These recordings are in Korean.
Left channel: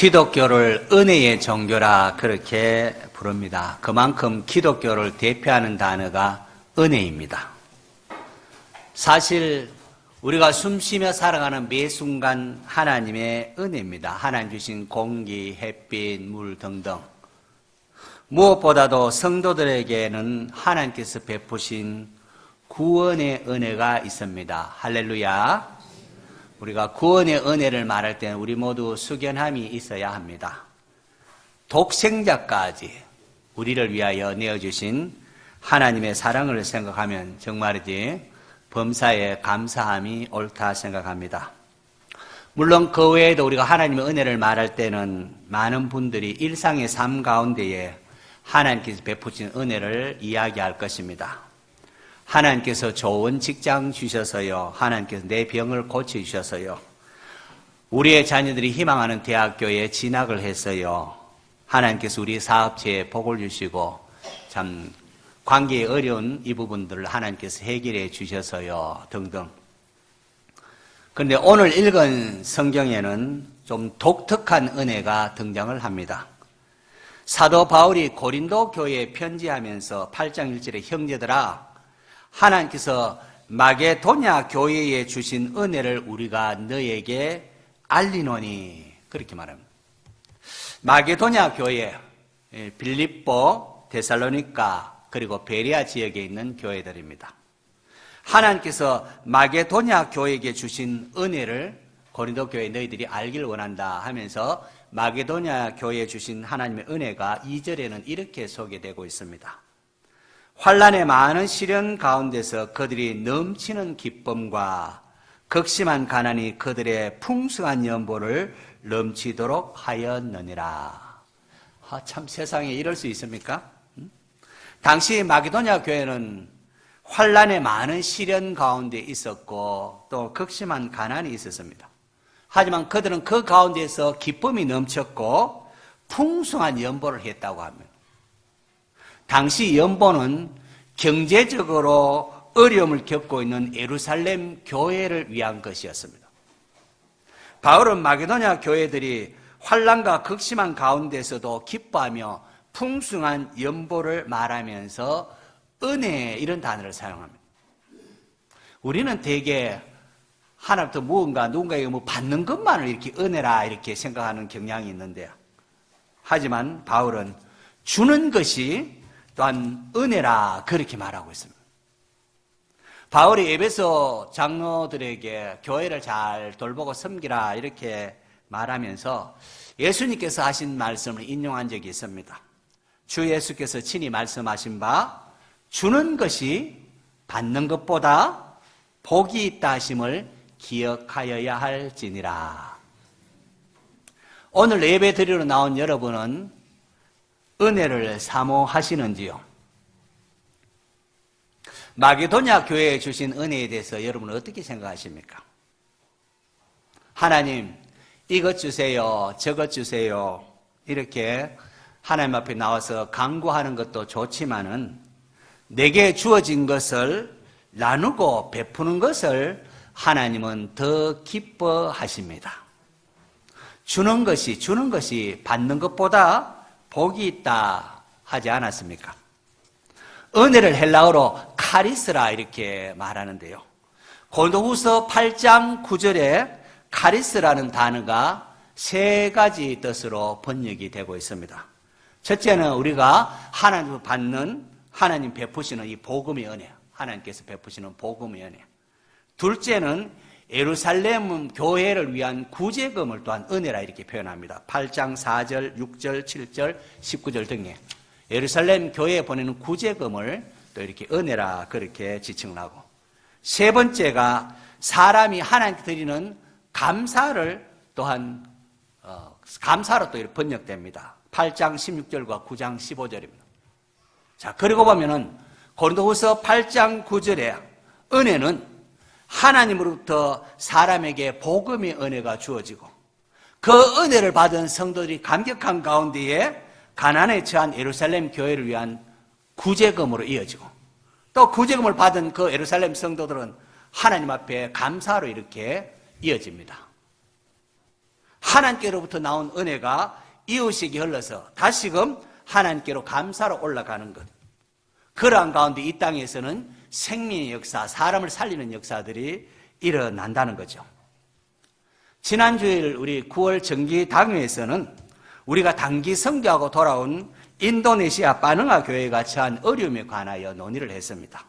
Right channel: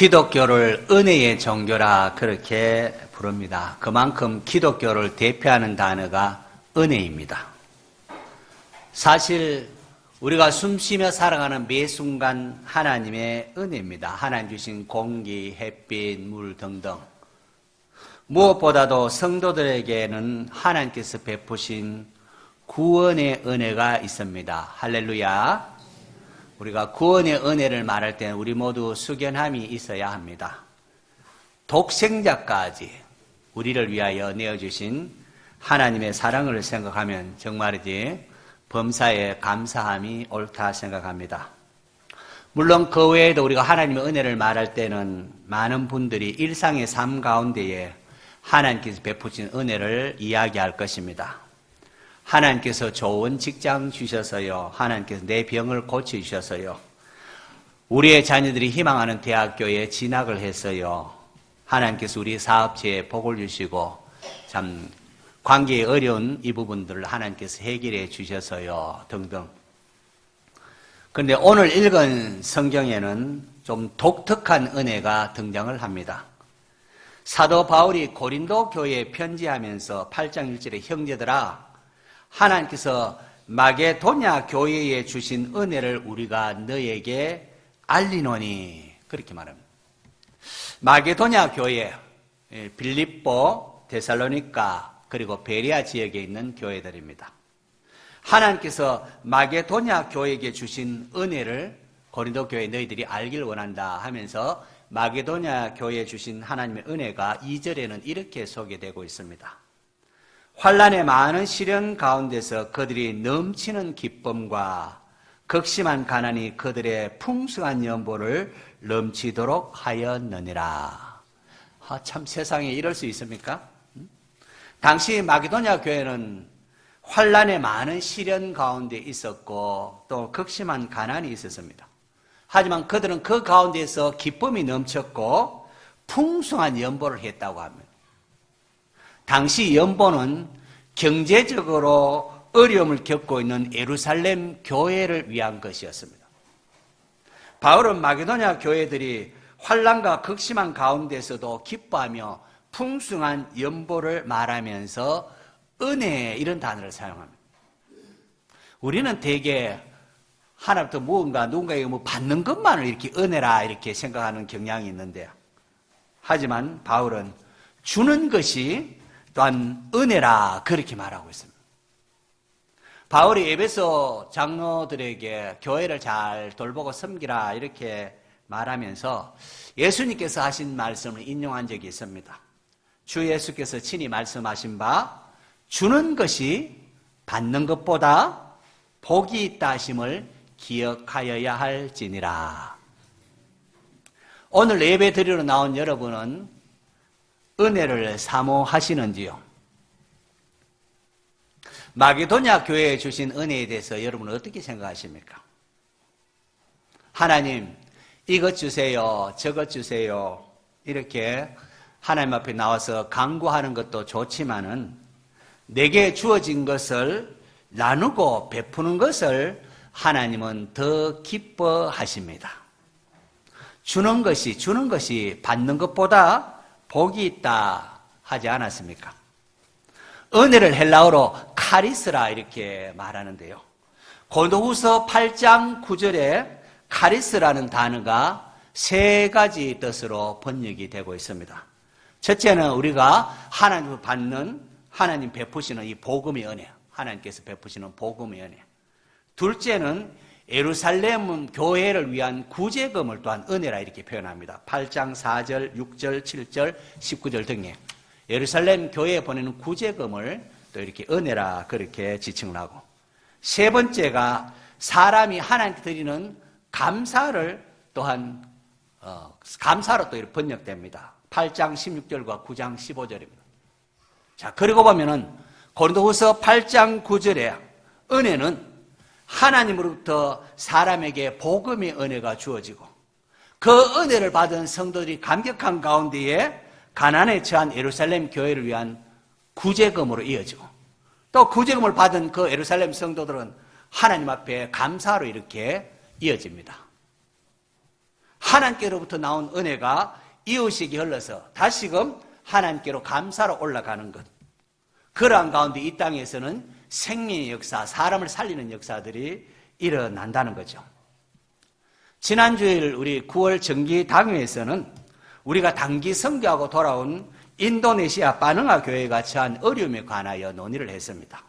기독교를 은혜의 종교라 그렇게 부릅니다. 그만큼 기독교를 대표하는 단어가 은혜입니다. 사실 우리가 숨쉬며 살아가는 매 순간 하나님의 은혜입니다. 하나님 주신 공기, 햇빛, 물 등등. 무엇보다도 성도들에게는 하나님께서 베푸신 구원의 은혜가 있습니다. 할렐루야. 우리가 구원의 은혜를 말할 때는 우리 모두 숙연함이 있어야 합니다. 독생자까지 우리를 위하여 내어주신 하나님의 사랑을 생각하면 정말이지 범사에 감사함이 옳다 생각합니다. 물론 그 외에도 우리가 하나님의 은혜를 말할 때는 많은 분들이 일상의 삶 가운데에 하나님께서 베푸신 은혜를 이야기할 것입니다. 하나님께서 좋은 직장 주셔서요. 하나님께서 내 병을 고쳐주셔서요. 우리의 자녀들이 희망하는 대학교에 진학을 했어요. 하나님께서 우리 사업체에 복을 주시고 참 관계에 어려운 이 부분들을 하나님께서 해결해 주셔서요. 등등. 그런데 오늘 읽은 성경에는 좀 독특한 은혜가 등장을 합니다. 사도 바울이 고린도 교회에 편지하면서 8장 1절에 형제들아 하나님께서 마게도냐 교회에 주신 은혜를 우리가 너에게 알리노니 그렇게 말합니다. 마게도냐 교회, 빌립보, 데살로니가 그리고 베레아 지역에 있는 교회들입니다. 하나님께서 마게도냐 교회에게 주신 은혜를 고린도 교회 너희들이 알기를 원한다 하면서 마게도냐 교회에 주신 하나님의 은혜가 2절에는 이렇게 소개되고 있습니다. 환난의 많은 시련 가운데서 그들이 넘치는 기쁨과 극심한 가난이 그들의 풍성한 연보를 넘치도록 하였느니라. 참 세상에 이럴 수 있습니까? 당시 마게도냐 교회는 환난의 많은 시련 가운데 있었고 또 극심한 가난이 있었습니다. 하지만 그들은 그 가운데서 기쁨이 넘쳤고 풍성한 연보를 했다고 합니다. 당시 연보는 경제적으로 어려움을 겪고 있는 예루살렘 교회를 위한 것이었습니다. 바울은 마게도냐 교회들이 환난과 극심한 가운데서도 기뻐하며 풍성한 연보를 말하면서 은혜 이런 단어를 사용합니다. 우리는 대개 하나부터 누군가에게 받는 것만을 이렇게 은혜라 이렇게 생각하는 경향이 있는데요. 하지만 바울은 주는 것이 또한 은혜라 그렇게 말하고 있습니다. 바울이 에베소 장로들에게 교회를 잘 돌보고 섬기라 이렇게 말하면서 예수님께서 하신 말씀을 인용한 적이 있습니다. 주 예수께서 친히 말씀하신 바 주는 것이 받는 것보다 복이 있다 하심을 기억하여야 할지니라. 오늘 예배 드리러 나온 여러분은 은혜를 사모하시는지요? 마게도냐 교회에 주신 은혜에 대해서 여러분은 어떻게 생각하십니까? 하나님 이것 주세요, 저것 주세요 이렇게 하나님 앞에 나와서 간구하는 것도 좋지만은 내게 주어진 것을 나누고 베푸는 것을 하나님은 더 기뻐하십니다. 주는 것이 받는 것보다 복이 있다 하지 않았습니까? 은혜를 헬라어로 카리스라 이렇게 말하는데요. 고린도후서 8장 9절에 카리스라는 단어가 세 가지 뜻으로 번역이 되고 있습니다. 첫째는 우리가 하나님 받는 하나님 베푸시는 이 복음의 은혜, 하나님께서 베푸시는 복음의 은혜. 둘째는 예루살렘 교회를 위한 구제금을 또한 은혜라 이렇게 표현합니다. 8장 4절, 6절, 7절, 19절 등에 예루살렘 교회에 보내는 구제금을 또 이렇게 은혜라 그렇게 지칭을 하고 세 번째가 사람이 하나님께 드리는 감사를 또한 감사로 또 이렇게 번역됩니다. 8장 16절과 9장 15절입니다. 자, 그리고 보면은 고린도후서 8장 9절에 은혜는 하나님으로부터 사람에게 복음의 은혜가 주어지고 그 은혜를 받은 성도들이 감격한 가운데에 가난에 처한 예루살렘 교회를 위한 구제금으로 이어지고 또 구제금을 받은 그 예루살렘 성도들은 하나님 앞에 감사로 이렇게 이어집니다. 하나님께로부터 나온 은혜가 이웃에게 흘러서 다시금 하나님께로 감사로 올라가는 것. 그러한 가운데 이 땅에서는 생명의 역사, 사람을 살리는 역사들이 일어난다는 거죠. 지난주에 우리 9월 정기 당회에서는 우리가 단기 선교하고 돌아온 인도네시아 빠능아 교회가 처한 어려움에 관하여 논의를 했습니다.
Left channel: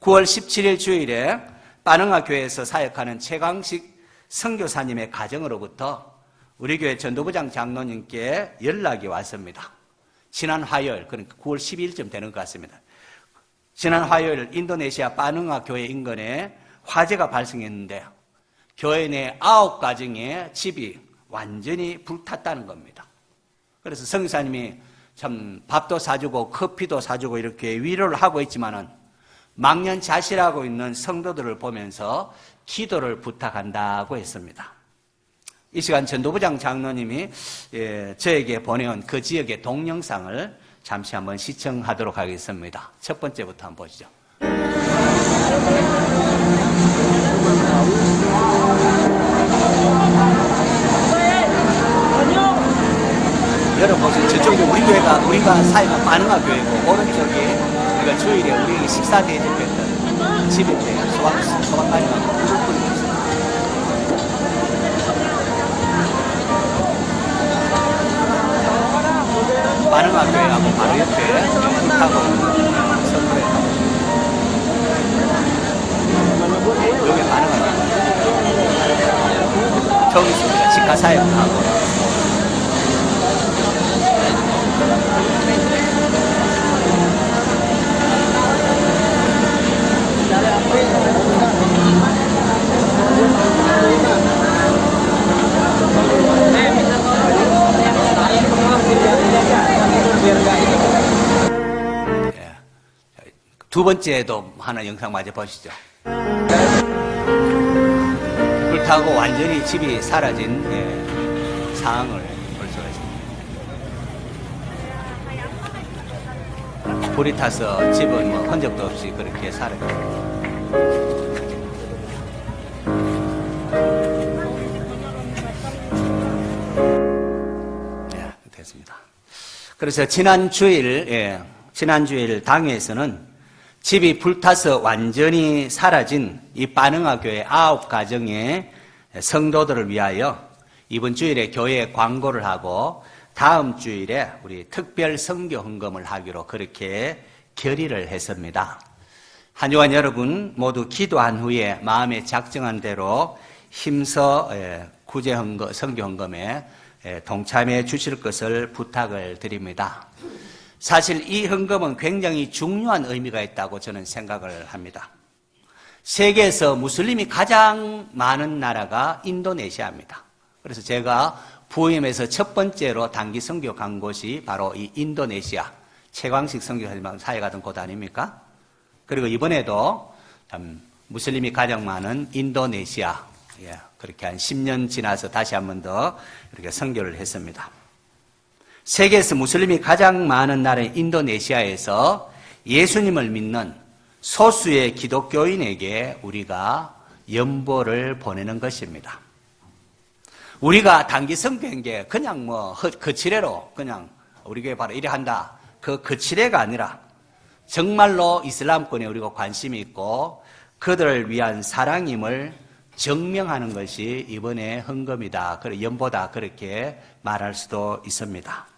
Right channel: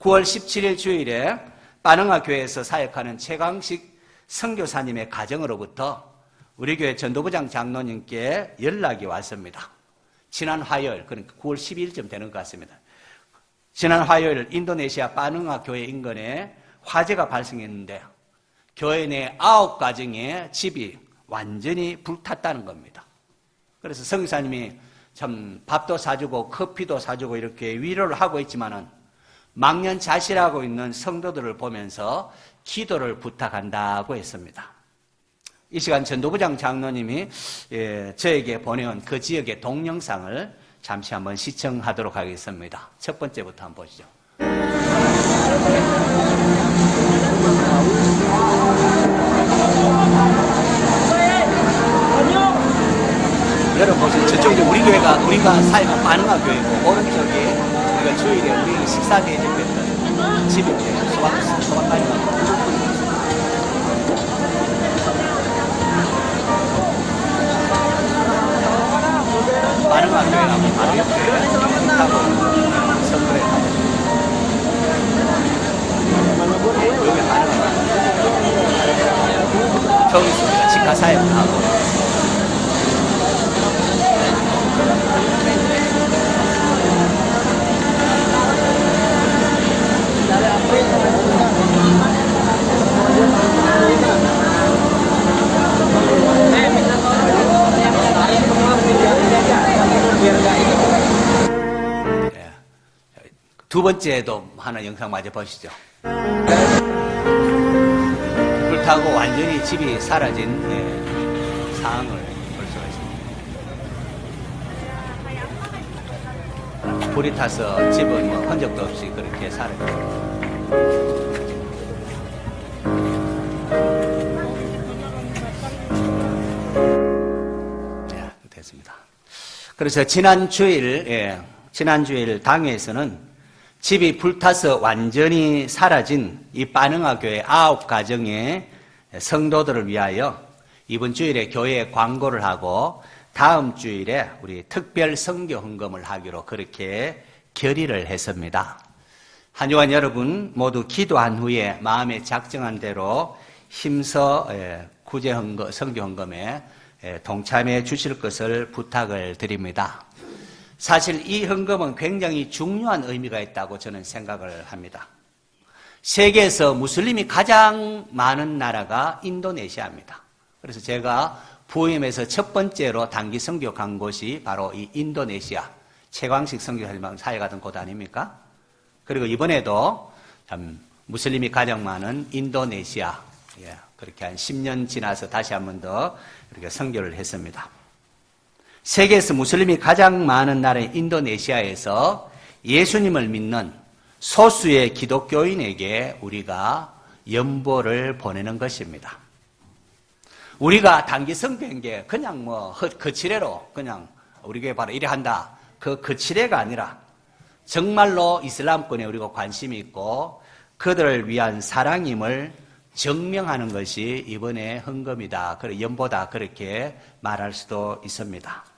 9월 17일 주일에 빠능아 교회에서 사역하는 최광식 선교사님의 가정으로부터 우리 교회 전도부장 장로님께 연락이 왔습니다. 지난 화요일, 그러니까 9월 12일쯤 되는 것 같습니다. 지난 화요일 인도네시아 빠능아 교회 인근에 화재가 발생했는데 교회 내 9가정의 집이 완전히 불탔다는 겁니다. 그래서 성사님이 참 밥도 사주고 커피도 사주고 이렇게 위로를 하고 있지만은 망연자실하고 있는 성도들을 보면서 기도를 부탁한다고 했습니다. 이 시간 전도부장 장로님이 저에게 보내온 그 지역의 동영상을 잠시 한번 시청하도록 하겠습니다. 첫 번째부터 한번 보시죠. 여러분 보세요. 저쪽이 우리 교회가 우리가 사역한 빠능아 교회고 오른쪽이 우리가 주일에 우리 식사 대접했던 집인데 소아까지 빠능아 교회라고 바로 옆에 식당하고 선거에 여기 빠능아 저기서 우리가 직화 사역을 하고 두 번째도 하나 영상 마저 보시죠. 불타고 완전히 집이 사라진 상황을 볼 수가 있습니다. 불이 타서 집은 뭐 흔적도 없이 그렇게 사라졌습니다. 됐습니다. 그래서 지난 주일 당회에서는 집이 불타서 완전히 사라진 이 빠능아 교회 9가정의 성도들을 위하여 이번 주일에 교회에 광고를 하고 다음 주일에 우리 특별 선교 헌금을 하기로 그렇게 결의를 했습니다. 한 주간 여러분 모두 기도한 후에 마음에 작정한 대로 힘써 구제 헌금, 선교 헌금에 동참해 주실 것을 부탁을 드립니다. 사실 이 헌금은 굉장히 중요한 의미가 있다고 저는 생각을 합니다. 세계에서 무슬림이 가장 많은 나라가 인도네시아입니다. 그래서 제가 부임에서 첫 번째로 단기 선교 간 곳이 바로 이 인도네시아 최광식 선교사님하고 사역하던 곳 아닙니까? 그리고 이번에도 참 무슬림이 가장 많은 인도네시아, 그렇게 한 10년 지나서 다시 한 번 더 이렇게 선교를 했습니다. 세계에서 무슬림이 가장 많은 나라인 인도네시아에서 예수님을 믿는 소수의 기독교인에게 우리가 연보를 보내는 것입니다. 우리가 단기 선교한 게 그냥 뭐 거치레로 그냥 우리 교회 바로 이래 한다. 그 거치레가 아니라 정말로 이슬람권에 우리가 관심이 있고 그들을 위한 사랑임을 증명하는 것이 이번에 헌금이다, 연보다 그렇게 말할 수도 있습니다.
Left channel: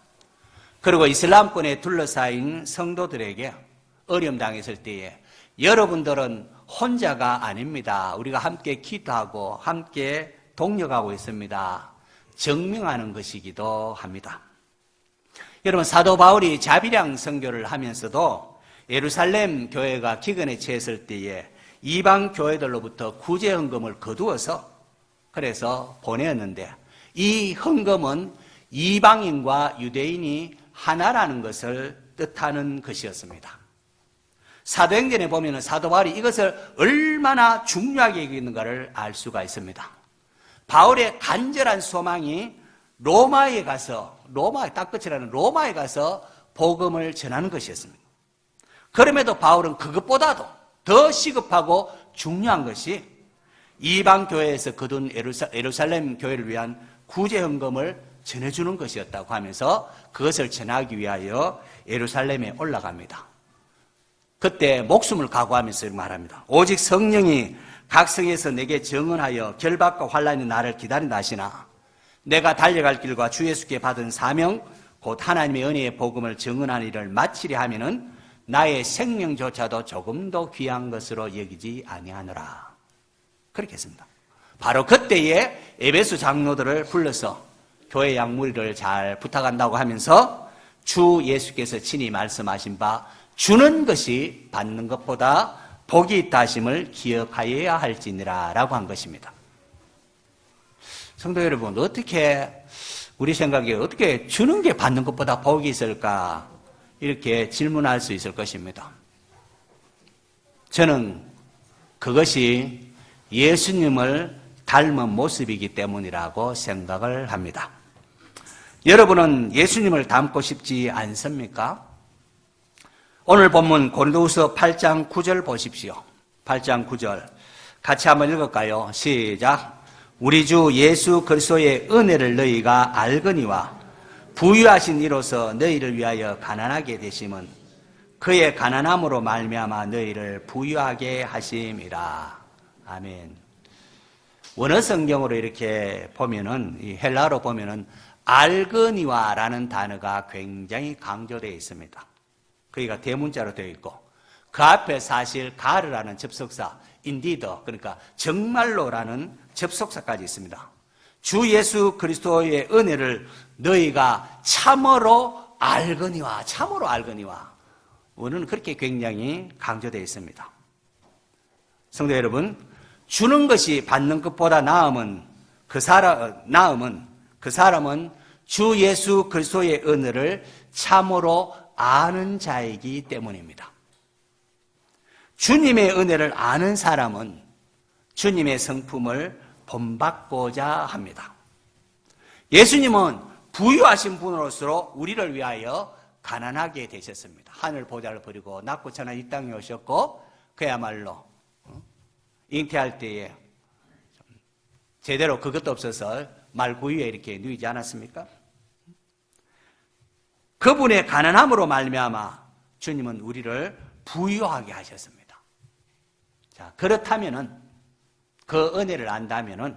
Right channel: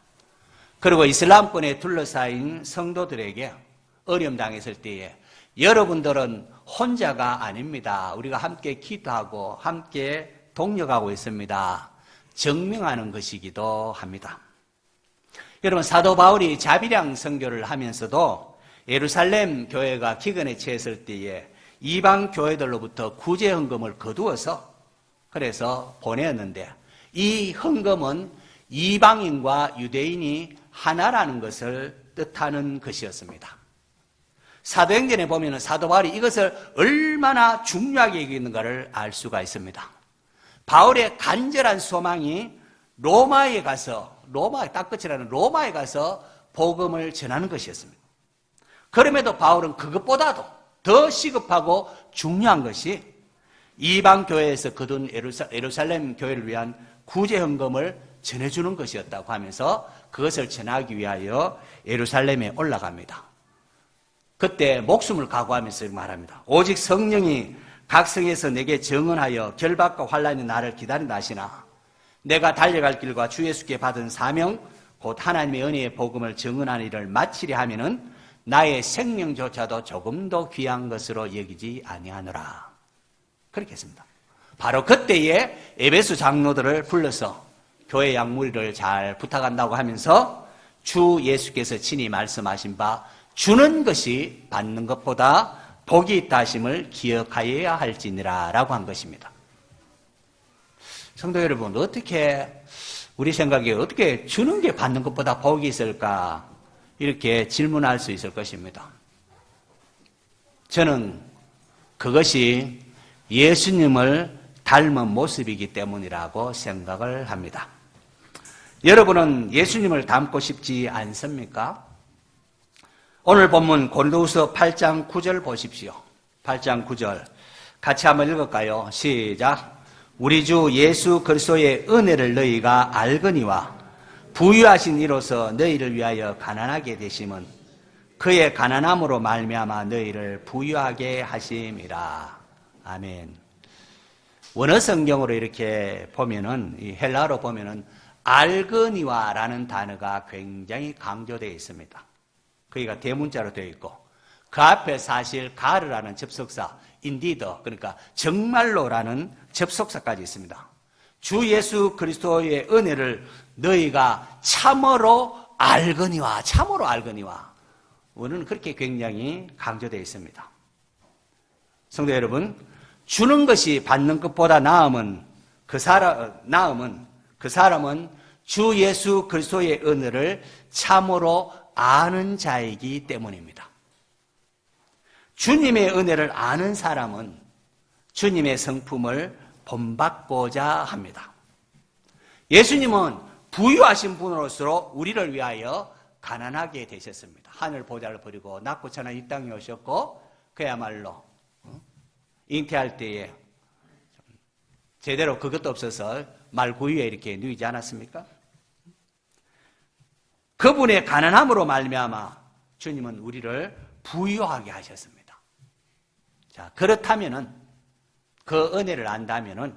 그리고 이슬람권에 둘러싸인 성도들에게 어려움 당했을 때에 여러분들은 혼자가 아닙니다. 우리가 함께 기도하고 함께 동력하고 있습니다. 증명하는 것이기도 합니다. 여러분 사도 바울이 자비량 선교를 하면서도 예루살렘 교회가 기근에 처했을 때에 이방 교회들로부터 구제 헌금을 거두어서 그래서 보내었는데 이 헌금은 이방인과 유대인이 하나라는 것을 뜻하는 것이었습니다. 사도행전에 보면 사도 바울이 이것을 얼마나 중요하게 여기는가를 알 수가 있습니다. 바울의 간절한 소망이 로마에 가서 딱 끝이라는 로마에 가서 복음을 전하는 것이었습니다. 그럼에도 바울은 그것보다도 더 시급하고 중요한 것이 이방 교회에서 거둔 예루살렘 교회를 위한 구제헌금을 전해주는 것이었다고 하면서 그것을 전하기 위하여 예루살렘에 올라갑니다. 그때 목숨을 각오하면서 말합니다. 오직 성령이 각성에서 내게 증언하여 결박과 환난이 나를 기다린다 하시나 내가 달려갈 길과 주 예수께 받은 사명 곧 하나님의 은혜의 복음을 증언하는 일을 마치려 하면은 나의 생명조차도 조금도 귀한 것으로 여기지 아니하노라. 그렇게 했습니다. 바로 그때에 에베소 장로들을 불러서 교회 양무리를 잘 부탁한다고 하면서 주 예수께서 친히 말씀하신 바 주는 것이 받는 것보다 복이 있다 하심을 기억하여야 할지니라 라고 한 것입니다. 성도 여러분, 어떻게 우리 생각에 어떻게 주는 게 받는 것보다 복이 있을까? 이렇게 질문할 수 있을 것입니다. 저는 그것이 예수님을 닮은 모습이기 때문이라고 생각을 합니다. 여러분은 예수님을 닮고 싶지 않습니까? 오늘 본문 고린도후서 8장 9절 보십시오. 8장 9절 같이 한번 읽을까요? 시작. 우리 주 예수 그리스도의 은혜를 너희가 알거니와 부유하신 이로서 너희를 위하여 가난하게 되심은 그의 가난함으로 말미암아 너희를 부유하게 하심이라. 아멘. 원어 성경으로 이렇게 보면은 이 헬라어로 보면은 알거니와라는 단어가 굉장히 강조되어 있습니다. 거기가 대문자로 되어 있고 그 앞에 사실 가르라는 접속사 indeed 그러니까 정말로라는 접속사까지 있습니다. 주 예수 그리스도의 은혜를 너희가 참으로 알거니와 참으로 알거니와 원어는 그렇게 굉장히 강조되어 있습니다. 성도 여러분, 주는 것이 받는 것보다 나음은 그 사람은 주 예수 그리스도의 은혜를 참으로 아는 자이기 때문입니다. 주님의 은혜를 아는 사람은 주님의 성품을 본받고자 합니다. 예수님은 부유하신 분으로서 우리를 위하여 가난하게 되셨습니다. 하늘 보좌를 버리고 낮고 천한 이 땅에 오셨고 그야말로 잉태할 때에 제대로 그것도 없어서 말구유에 이렇게 누이지 않았습니까? 그분의 가난함으로 말미암아 주님은 우리를 부유하게 하셨습니다. 자, 그렇다면은 그 은혜를 안다면은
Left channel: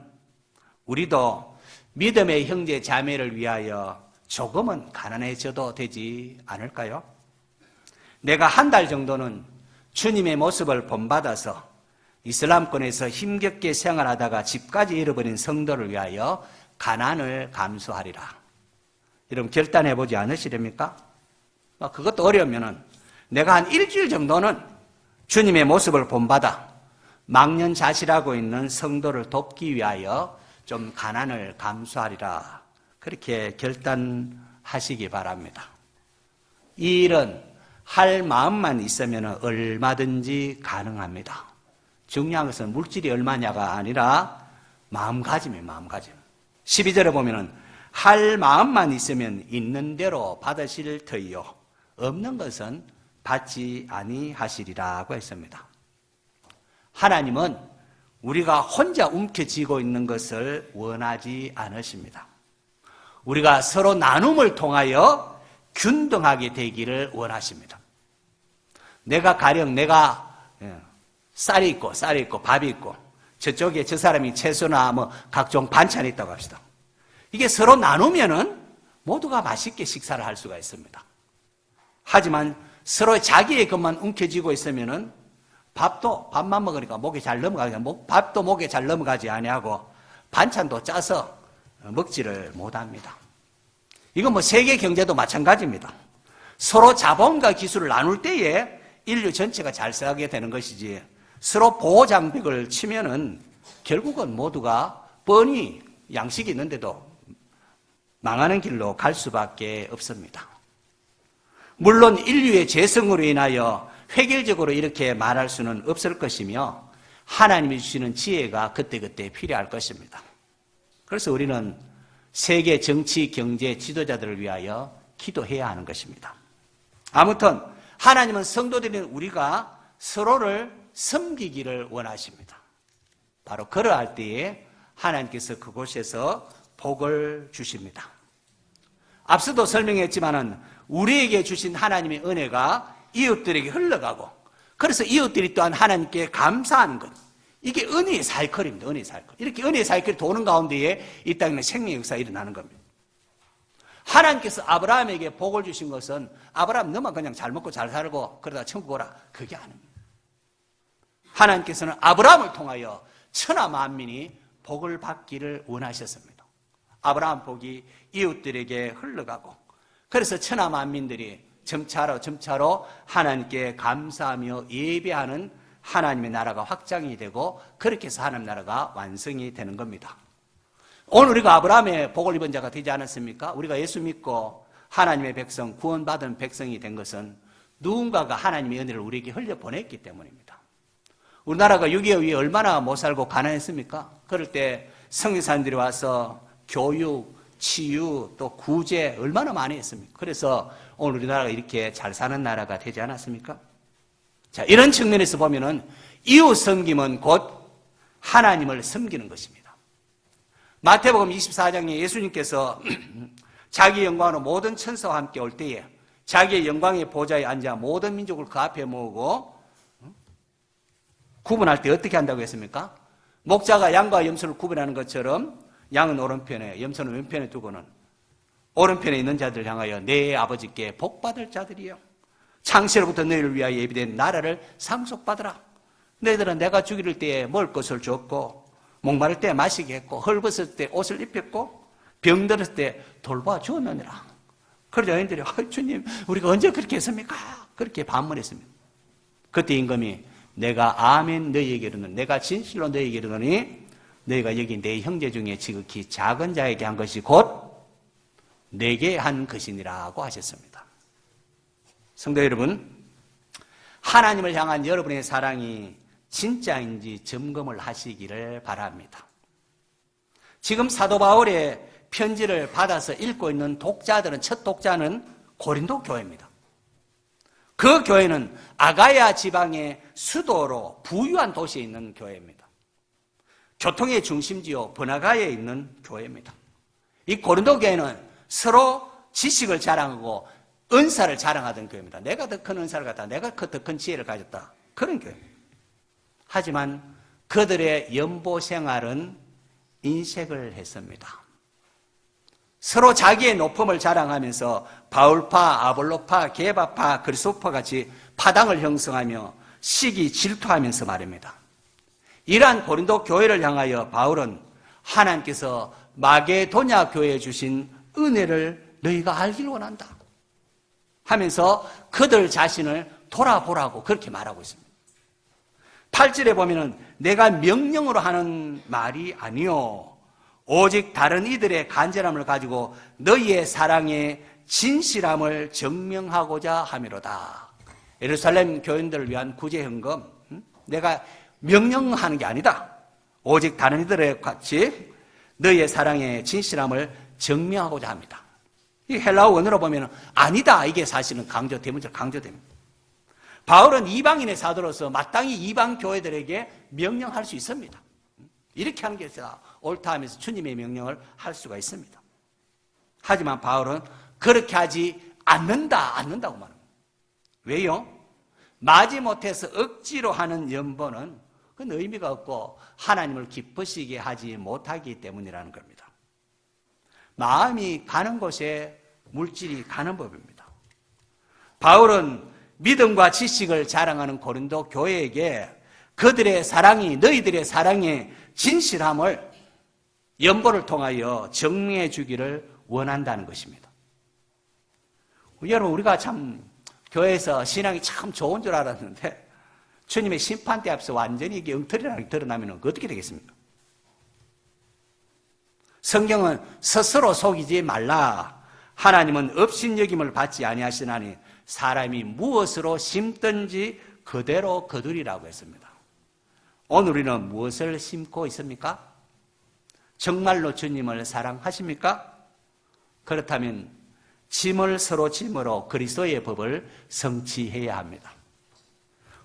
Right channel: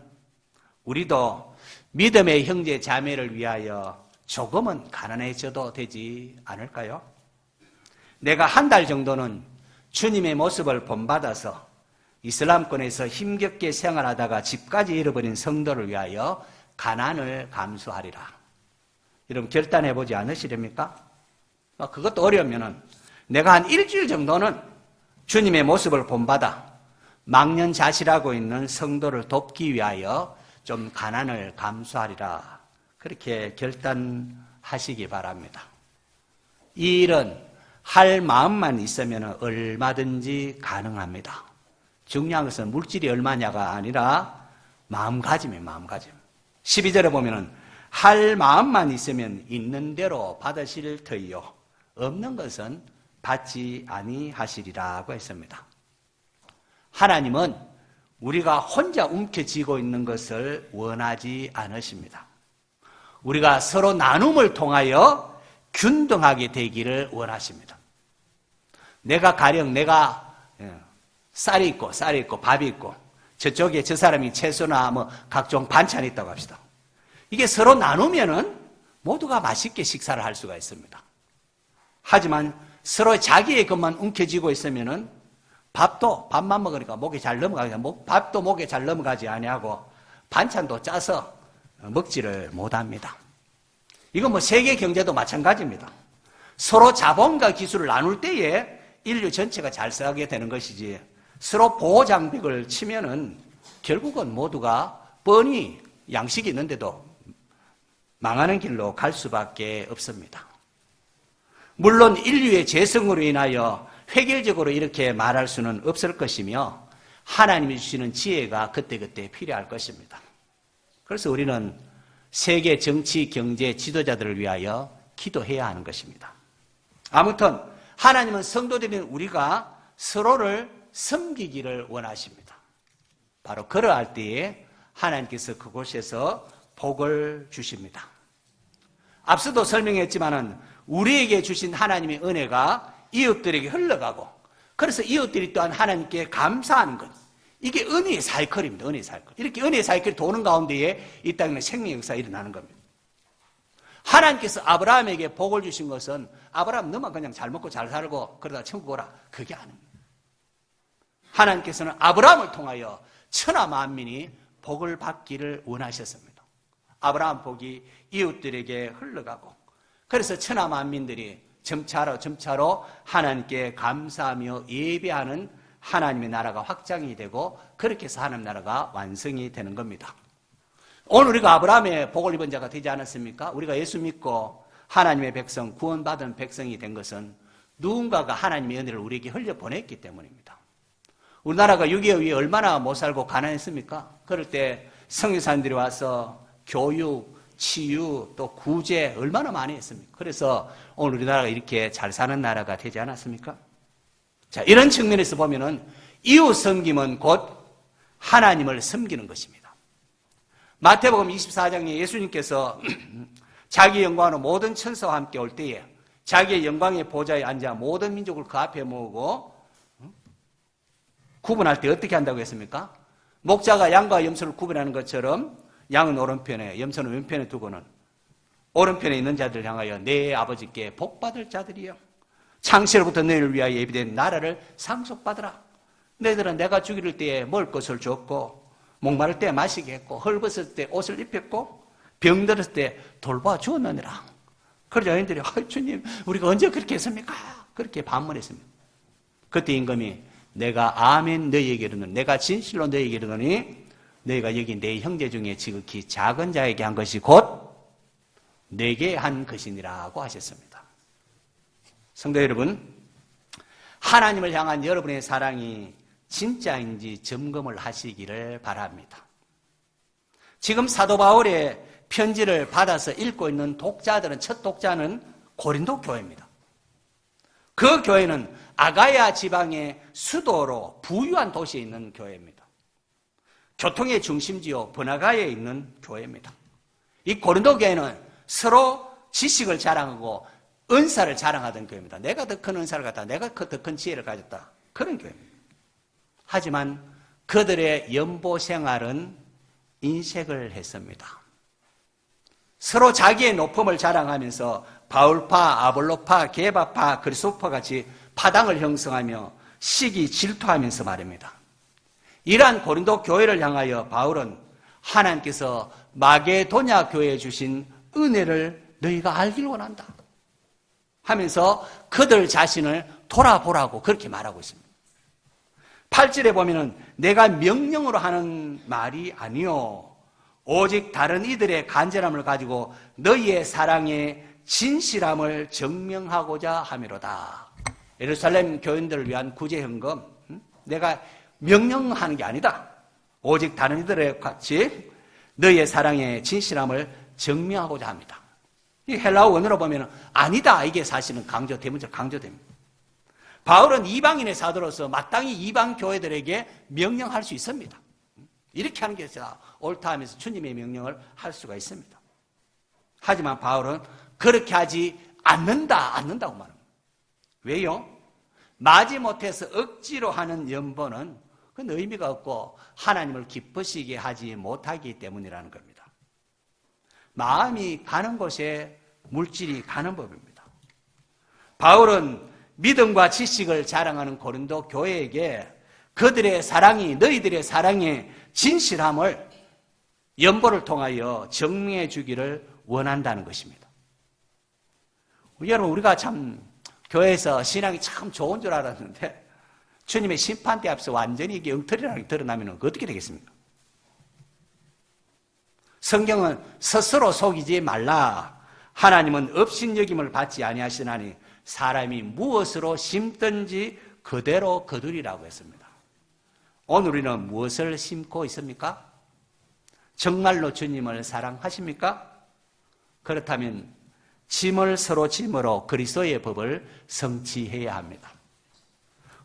우리도 믿음의 형제 자매를 위하여 조금은 가난해져도 되지 않을까요? 내가 한 달 정도는 주님의 모습을 본받아서 이슬람권에서 힘겹게 생활하다가 집까지 잃어버린 성도를 위하여 가난을 감수하리라. 여러분 결단해보지 않으시렵니까? 그것도 어려우면은 내가 한 일주일 정도는 주님의 모습을 본받아 망년자실하고 있는 성도를 돕기 위하여 좀 가난을 감수하리라. 그렇게 결단하시기 바랍니다. 이 일은 할 마음만 있으면 얼마든지 가능합니다. 중요한 것은 물질이 얼마냐가 아니라 마음가짐이에요. 마음가짐. 12절에 보면은 할 마음만 있으면 있는 대로 받으실 터이요 없는 것은 받지 아니하시리라고 했습니다. 하나님은 우리가 혼자 움켜쥐고 있는 것을 원하지 않으십니다. 우리가 서로 나눔을 통하여 균등하게 되기를 원하십니다. 가령 내가 쌀이 있고 밥이 있고 저쪽에 저 사람이 채소나 뭐 각종 반찬이 있다고 합시다. 이게 서로 나누면은 모두가 맛있게 식사를 할 수가 있습니다. 하지만 서로 자기의 것만 움켜쥐고 있으면은 밥만 먹으니까 목에 잘 넘어가지 밥도 목에 잘 넘어가지 아니하고 반찬도 짜서 먹지를 못합니다. 이거 뭐 세계 경제도 마찬가지입니다. 서로 자본과 기술을 나눌 때에 인류 전체가 잘 싸게 되는 것이지 서로 보호 장벽을 치면은 결국은 모두가 뻔히 양식이 있는데도 망하는 길로 갈 수밖에 없습니다. 물론 인류의 죄성으로 인하여 획일적으로 이렇게 말할 수는 없을 것이며 하나님이 주시는 지혜가 그때그때 필요할 것입니다. 그래서 우리는 세계 정치, 경제 지도자들을 위하여 기도해야 하는 것입니다. 아무튼 하나님은 성도들인 우리가 서로를 섬기기를 원하십니다. 바로 그러할 때에 하나님께서 그곳에서 복을 주십니다. 앞서도 설명했지만은 우리에게 주신 하나님의 은혜가 이웃들에게 흘러가고, 그래서 이웃들이 또한 하나님께 감사하는 것, 이게 은혜의 사이클입니다. 은혜의 사이클. 이렇게 은혜의 사이클이 도는 가운데에 이 땅에 생명 역사가 일어나는 겁니다. 하나님께서 아브라함에게 복을 주신 것은 아브라함 너만 그냥 잘 먹고 잘 살고 그러다 천국 오라, 그게 아닙니다. 하나님께서는 아브라함을 통하여 천하 만민이 복을 받기를 원하셨습니다. 아브라함 복이 이웃들에게 흘러가고, 그래서 천하 만민들이 점차로 하나님께 감사하며 예배하는 하나님의 나라가 확장이 되고, 그렇게 해서 하나님 나라가 완성이 되는 겁니다. 오늘 우리가 아브라함의 복을 입은 자가 되지 않았습니까? 우리가 예수 믿고 하나님의 백성, 구원받은 백성이 된 것은 누군가가 하나님의 은혜를 우리에게 흘려보냈기 때문입니다. 우리나라가 6.25 위에 얼마나 못 살고 가난했습니까? 그럴 때 선교사님들이 와서 교육, 치유, 또 구제 얼마나 많이 했습니까? 그래서 오늘 우리나라가 이렇게 잘 사는 나라가 되지 않았습니까? 자, 이런 측면에서 보면은 이웃 섬김은 곧 하나님을 섬기는 것입니다. 마태복음 24장에 예수님께서 자기 영광으로 모든 천사와 함께 올 때에 자기의 영광의 보좌에 앉아 모든 민족을 그 앞에 모으고 구분할 때 어떻게 한다고 했습니까? 목자가 양과 염소를 구분하는 것처럼 양은 오른편에, 염소는 왼편에 두고는 오른편에 있는 자들 향하여 내 아버지께 복받을 자들이여, 창세로부터 너희를 위하여 예비된 나라를 상속받으라. 너희들은 내가 죽이를 때에 먹을 것을 줬고, 목마를 때 마시게 했고, 헐벗을 때 옷을 입혔고, 병들었을 때 돌보아 주었느니라. 그래서 여인들이 주님, 우리가 언제 그렇게 했습니까? 그렇게 반문했습니다. 그때 임금이 내가 아멘 너희에게 이르노니, 내가 진실로 너희에게 이르노니 너희가 여기 내 형제 중에 지극히 작은 자에게 한 것이 곧 내게 한 것이니라고 하셨습니다. 성도 여러분, 하나님을 향한 여러분의 사랑이 진짜인지 점검을 하시기를 바랍니다. 지금 사도 바울의 편지를 받아서 읽고 있는 독자들은, 첫 독자는 고린도 교회입니다. 그 교회는 아가야 지방의 수도로 부유한 도시에 있는 교회입니다. 교통의 중심지요 번화가에 있는 교회입니다. 이 고린도 교회는 서로 지식을 자랑하고 은사를 자랑하던 교회입니다. 내가 더 큰 은사를 갖다, 내가 더 큰 지혜를 가졌다, 그런 교회입니다. 하지만 그들의 연보 생활은 인색을 했습니다. 서로 자기의 높음을 자랑하면서 바울파, 아볼로파, 게바파, 그리스도파 같이 파당을 형성하며 시기 질투하면서 말입니다. 이러한 고린도 교회를 향하여 바울은 하나님께서 마게도냐 교회에 주신 은혜를 너희가 알기를 원한다 하면서 그들 자신을 돌아보라고 그렇게 말하고 있습니다. 8절에 보면은 내가 명령으로 하는 말이 아니요 오직 다른 이들의 간절함을 가지고 너희의 사랑의 진실함을 증명하고자 함이로다. 예루살렘 교인들을 위한 구제 헌금, 내가 명령하는 게 아니다. 오직 다른 이들의 같이 너희의 사랑의 진실함을 증명하고자 합니다. 이 헬라어 원어로 보면 아니다, 이게 사실은 강조됩니다. 바울은 이방인의 사도로서 마땅히 이방 교회들에게 명령할 수 있습니다. 이렇게 하는 게 옳다 하면서 주님의 명령을 할 수가 있습니다. 하지만 바울은 그렇게 하지 않는다고 말합니다. 왜요? 마지못해서 억지로 하는 연보는 그건 의미가 없고 하나님을 기쁘시게 하지 못하기 때문이라는 겁니다. 마음이 가는 곳에 물질이 가는 법입니다. 바울은 믿음과 지식을 자랑하는 고린도 교회에게 그들의 사랑이, 너희들의 사랑의 진실함을 연보를 통하여 정리해 주기를 원한다는 것입니다. 여러분, 우리가 참 교회에서 신앙이 참 좋은 줄 알았는데 주님의 심판대 앞에서 완전히 이게 엉터리라는 게 드러나면 어떻게 되겠습니까? 성경은 스스로 속이지 말라. 하나님은 업신여김을 받지 아니하시나니 사람이 무엇으로 심든지 그대로 거두리라고 했습니다. 오늘 우리는 무엇을 심고 있습니까? 정말로 주님을 사랑하십니까? 그렇다면 짐을 서로 짐으로 그리스도의 법을 성취해야 합니다.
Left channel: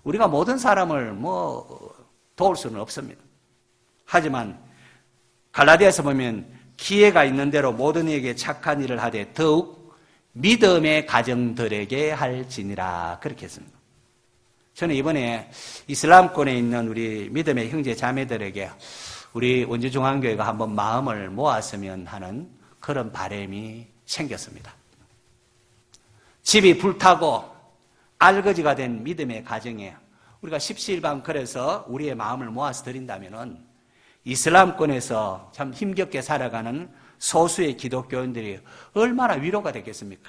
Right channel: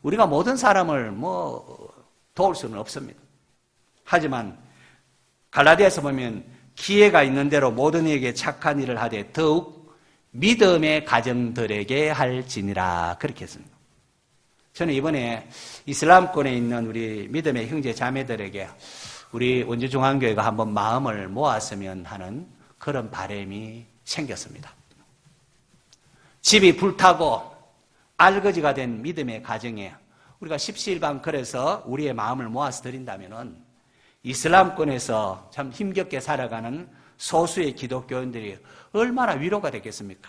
우리가 모든 사람을 도울 수는 없습니다. 하지만 갈라디아서 보면 기회가 있는 대로 모든 이에게 착한 일을 하되 더욱 믿음의 가정들에게 할지니라. 그렇게 했습니다. 저는 이번에 이슬람권에 있는 우리 믿음의 형제 자매들에게 우리 원주중앙교회가 한번 마음을 모았으면 하는 그런 바람이 생겼습니다. 집이 불타고 알거지가 된 믿음의 가정에 우리가 십시일반 그래서 우리의 마음을 모아서 드린다면은 이슬람권에서 참 힘겹게 살아가는 소수의 기독교인들이 얼마나 위로가 되겠습니까?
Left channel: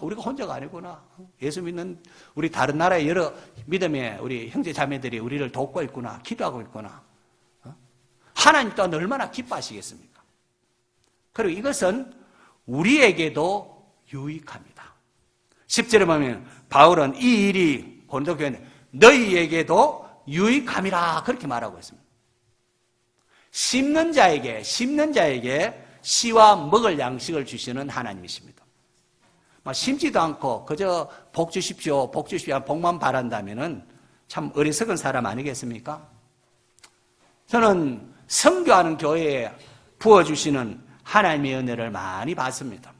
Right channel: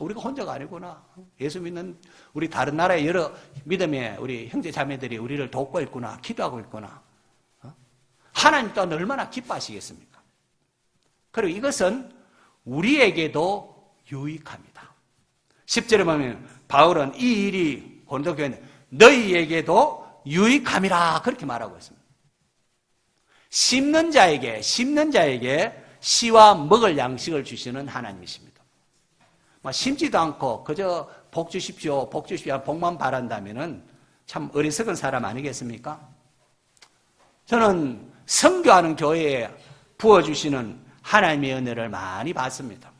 우리가 혼자가 아니구나. 예수 믿는 우리 다른 나라의 여러 믿음의 우리 형제 자매들이 우리를 돕고 있구나. 기도하고 있구나. 하나님 또한 얼마나 기뻐하시겠습니까? 그리고 이것은 우리에게도 유익합니다. 10절에 보면 바울은 이 일이 고린도교회는 너희에게도 유익함이라 그렇게 말하고 있습니다. 심는 자에게 씨와 먹을 양식을 주시는 하나님이십니다. 심지도 않고 그저 복 주십시오, 복만 바란다면은 참 어리석은 사람 아니겠습니까? 저는 선교하는 교회에 부어주시는 하나님의 은혜를 많이 받습니다.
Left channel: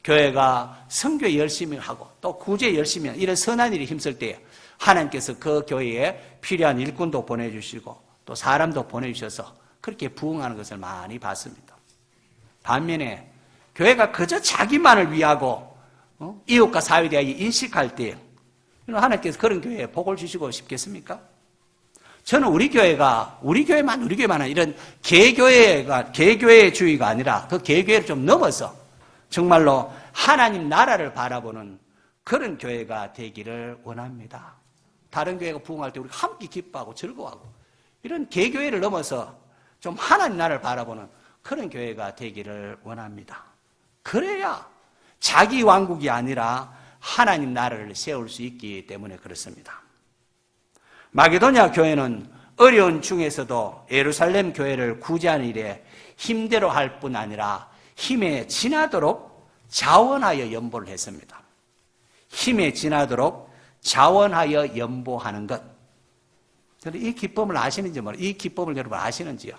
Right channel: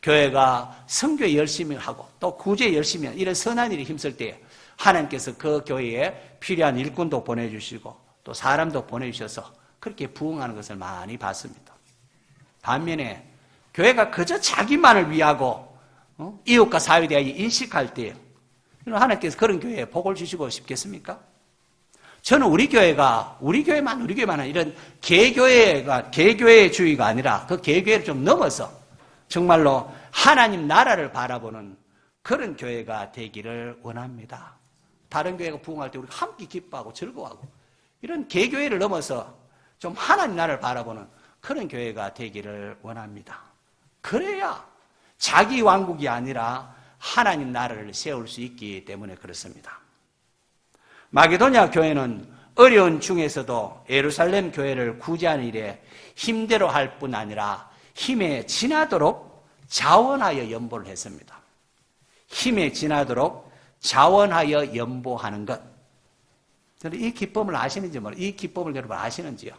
교회가 선교 열심히 하고 또 구제 열심히 하는 이런 선한 일이 힘쓸 때 하나님께서 그 교회에 필요한 일꾼도 보내주시고 또 사람도 보내주셔서 그렇게 부흥하는 것을 많이 봤습니다. 반면에 교회가 그저 자기만을 위하고 이웃과 사회에 대하여 인식할 때 하나님께서 그런 교회에 복을 주시고 싶겠습니까? 저는 우리 교회만 이런 개교회주의가 아니라 그 개교회를 좀 넘어서 정말로 하나님 나라를 바라보는 그런 교회가 되기를 원합니다. 다른 교회가 부흥할 때 우리 함께 기뻐하고 즐거워하고 이런 개교회를 넘어서 좀 하나님 나라를 바라보는 그런 교회가 되기를 원합니다. 그래야 자기 왕국이 아니라 하나님 나라를 세울 수 있기 때문에 그렇습니다. 마게도냐 교회는 어려운 중에서도 예루살렘 교회를 구제하는 일에 힘대로 할 뿐 아니라 힘에 지나도록 자원하여 연보를 했습니다. 힘에 지나도록 자원하여 연보하는 것. 저는 이 기법을 아시는지 모르겠어요. 이 기법을 여러분 아시는지요?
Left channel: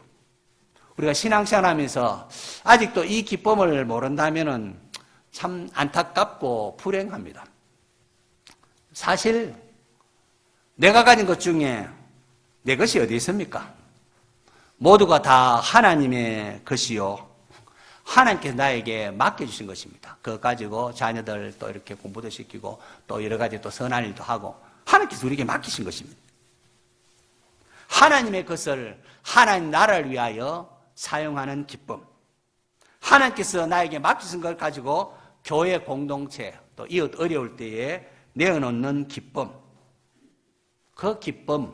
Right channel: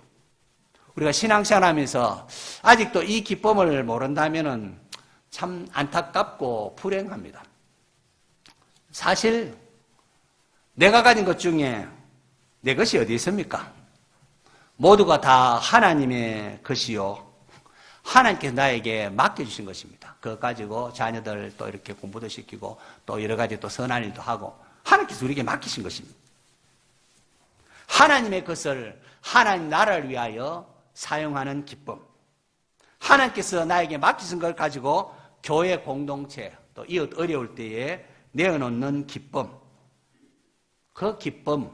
우리가 신앙생활하면서 아직도 이 기법을 모른다면 참 안타깝고 불행합니다. 사실 내가 가진 것 중에 내 것이 어디 있습니까? 모두가 다 하나님의 것이요. 하나님께서 나에게 맡겨주신 것입니다. 그거 가지고 자녀들 또 이렇게 공부도 시키고 또 여러 가지 또 선한 일도 하고 하나님께서 우리에게 맡기신 것입니다. 하나님의 것을 하나님 나라를 위하여 사용하는 기쁨. 하나님께서 나에게 맡기신 걸 가지고 교회 공동체 또 이웃 어려울 때에 내어놓는 기쁨. 그 기쁨,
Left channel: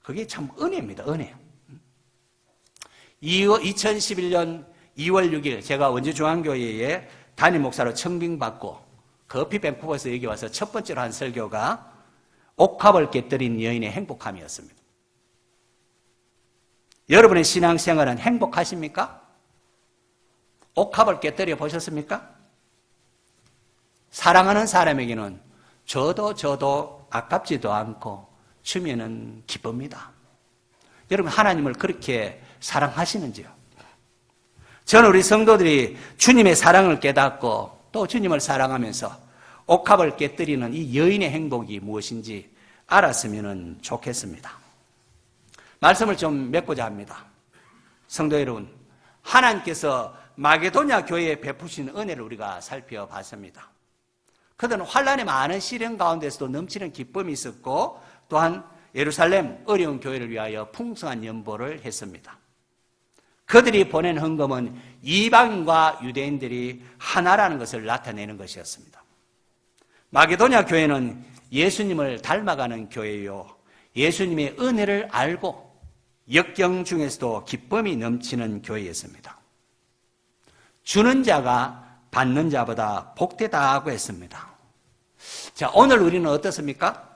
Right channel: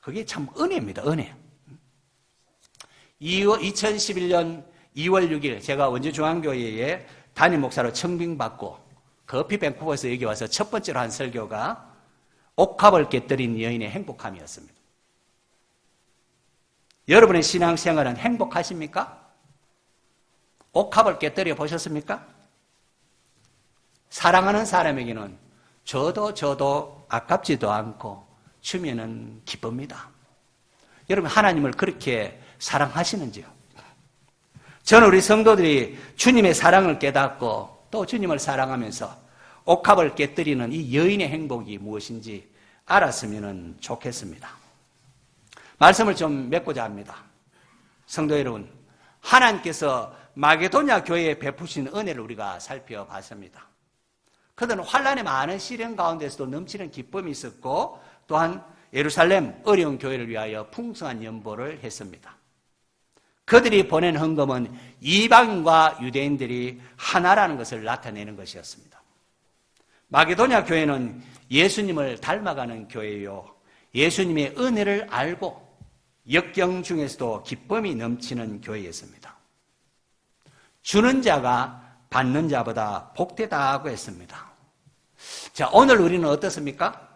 그게 참 은혜입니다. 은혜. 2011년 2월 6일 제가 원주중앙교회에 담임 목사로 청빙받고 커피 밴쿠버에서 여기 와서 첫 번째로 한 설교가 옥합을 깨뜨린 여인의 행복함이었습니다. 여러분의 신앙생활은 행복하십니까? 옥합을 깨뜨려 보셨습니까? 사랑하는 사람에게는 저도 아깝지도 않고 주면은 기쁩니다. 여러분 하나님을 그렇게 사랑하시는지요? 저는 우리 성도들이 주님의 사랑을 깨닫고 또 주님을 사랑하면서 옥합을 깨뜨리는 이 여인의 행복이 무엇인지 알았으면 좋겠습니다. 말씀을 좀 맺고자 합니다. 성도 여러분, 하나님께서 마게도냐 교회에 베푸신 은혜를 우리가 살펴봤습니다. 그들은 환란의 많은 시련 가운데서도 넘치는 기쁨이 있었고 또한 예루살렘 어려운 교회를 위하여 풍성한 연보를 했습니다. 그들이 보낸 헌금은 이방인과 유대인들이 하나라는 것을 나타내는 것이었습니다. 마게도냐 교회는 예수님을 닮아가는 교회요. 예수님의 은혜를 알고 역경 중에서도 기쁨이 넘치는 교회였습니다. 주는 자가 받는 자보다 복되다고 했습니다. 자, 오늘 우리는 어떻습니까?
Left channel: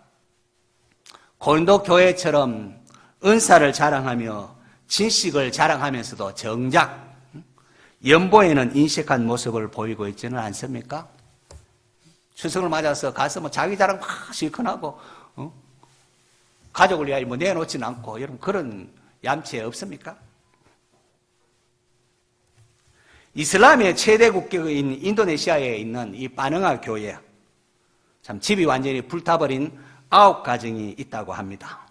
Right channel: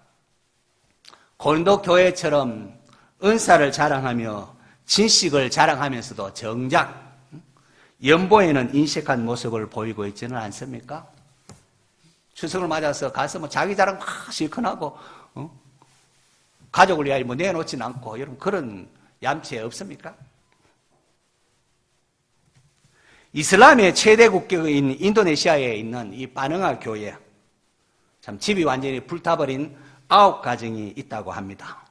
고린도 교회처럼 은사를 자랑하며 진식을 자랑하면서도 정작 연보에는 인식한 모습을 보이고 있지는 않습니까? 추석을 맞아서 가서 뭐 자기 자랑 막 실컷하고 가족을 위하여 뭐 내놓지는 않고 여러분 그런 얌체 없습니까? 이슬람의 최대 국교인 인도네시아에 있는 이 바능아 교회, 참 집이 완전히 불타버린 9가정이 있다고 합니다.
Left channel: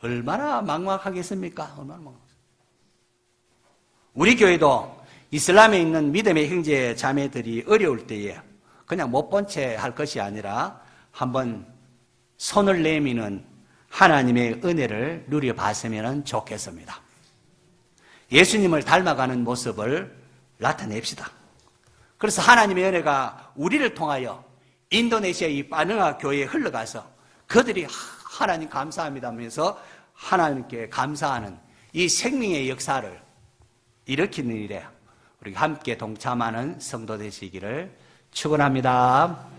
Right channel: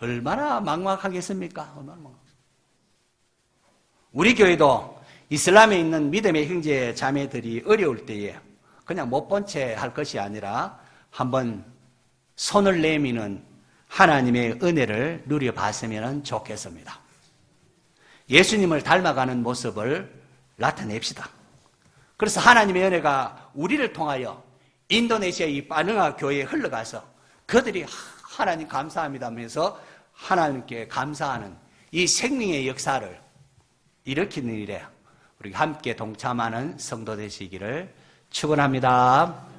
얼마나 막막하겠습니까? 우리 교회도 이슬람에 있는 믿음의 형제 자매들이 어려울 때에 그냥 못 본 채 할 것이 아니라 한번 손을 내미는 하나님의 은혜를 누려봤으면 좋겠습니다. 예수님을 닮아가는 모습을 나타냅시다. 그래서 하나님의 은혜가 우리를 통하여 인도네시아 이 바능아 교회에 흘러가서 그들이 하나님 감사합니다 하면서 하나님께 감사하는 이 생명의 역사를 일으키는 일에 우리 함께 동참하는 성도 되시기를 축원합니다.